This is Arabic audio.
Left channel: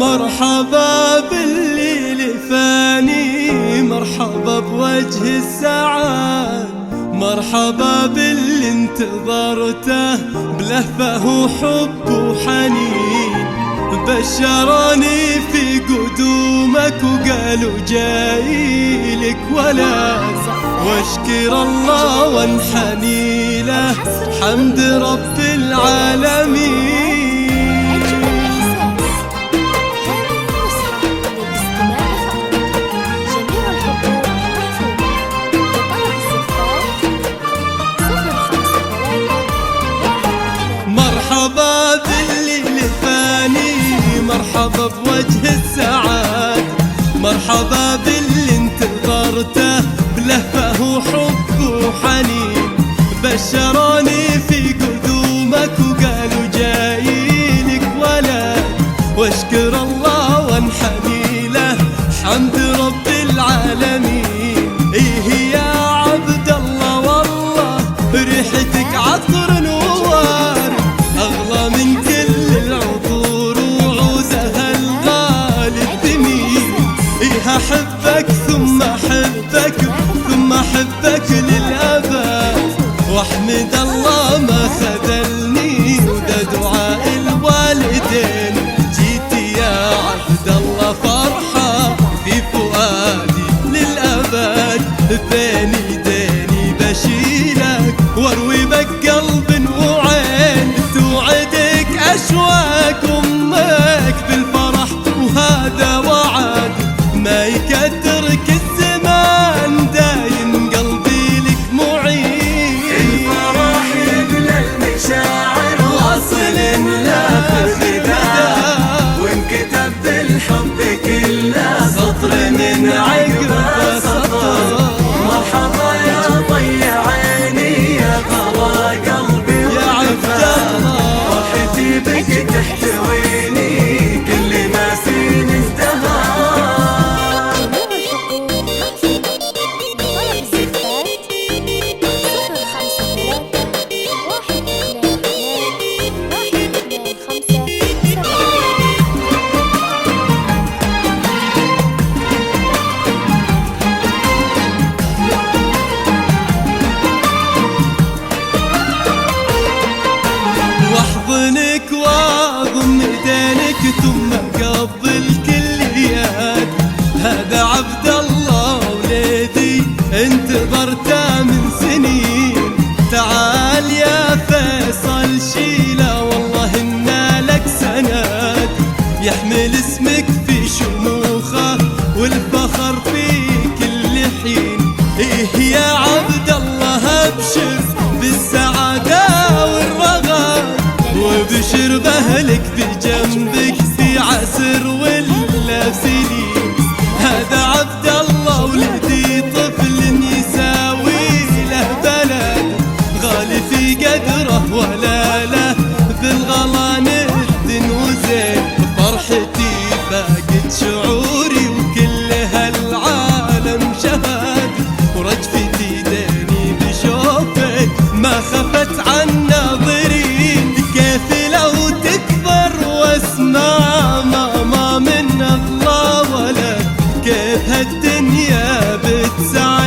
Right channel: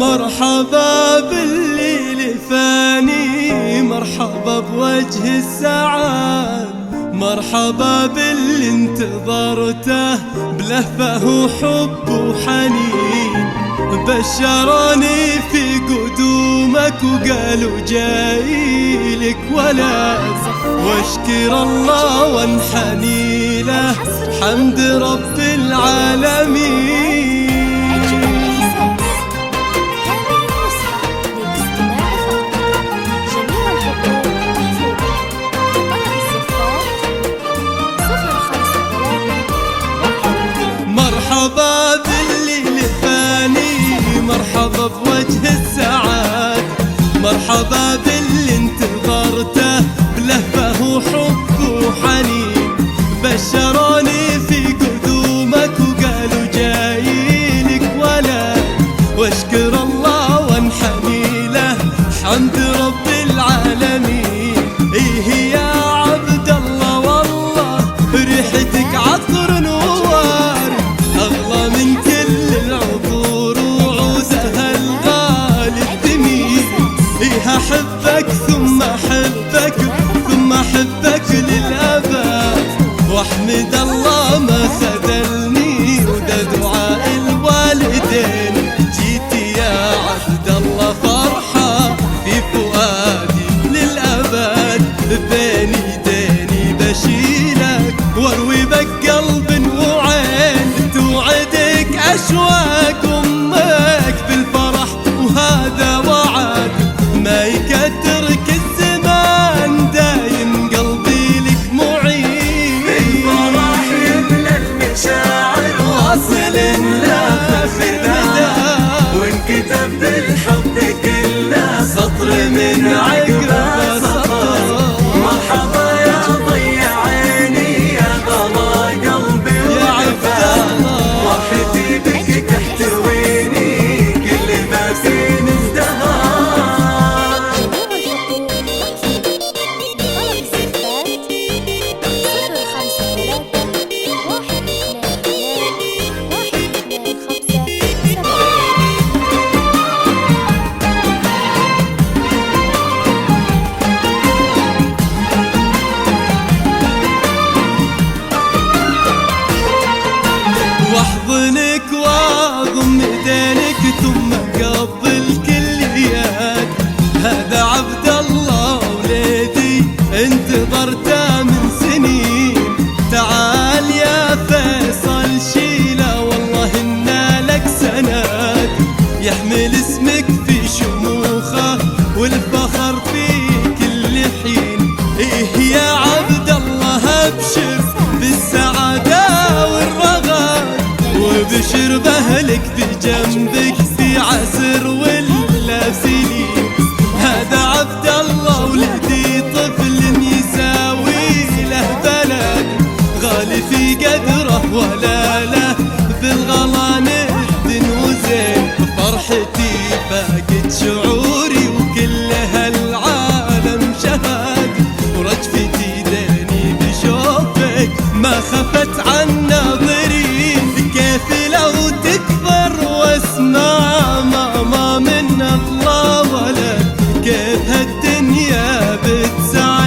مرحبا بالليل فاني، مرحبا بوجه السعاد، مرحبا باللي انتظرته بلهفه وحب وحنين. بشروني في قدومك وقالوا جايلك ولد، واشكر الله وانحني له حمد رب العالمين. مرحبا بالليل فاني، مرحبا بوجه السعاد، مرحبا باللي انتظرته بلهفه وحب وحنين. بشروني في قدومك وقالوا جايلك ولد، واشكر الله وانحني له حمد رب العالمين. ايه يا عبد الله والله ريحتك عطر نوار، أغلى من كل العطور وعودها الغالي الثمين. إيه أحبك ثم أحبك ثم أحبك للأبد، وأحمد الله ما خذلني وده دعاء الوالدين. جيت يا عبد الله فرحة في فؤادي للأبد، بين يديني بشيلك واروي بك قلب وعين. توعدك أشواق أمك بالفرح وهذا وعد، ما يكدرك الزمان دايم قلبي لك معين. واصل لآخر مدى وانكتب بالحب كله سطر من عقب سطر. واحضنك واضم ايدينك ثم قبل كل يد. هذا عبد الله وليدي انتظرته من سنين. تعال يا فيصل شيله والله إن لك سند، يحمل اسمك في شموخه والفخر في كل حين. إيه يا عبد الله ابشر بالسعادة والرغد، وبشر بأهلك بجنبك في عسر ولا سنين. هذا عبد الله ولدي طفل يساوي له بلد، غالي في قدره ولا له بالغلا ند وزين. فرحتي فاقت شعوري وكل هالعالم شهد، ورجفتي داني بشوفك ما خفت عن ناظرين. كيف لو تكبر واسمع ماما من أغلى ولد، كيف هالدنيا بتسعد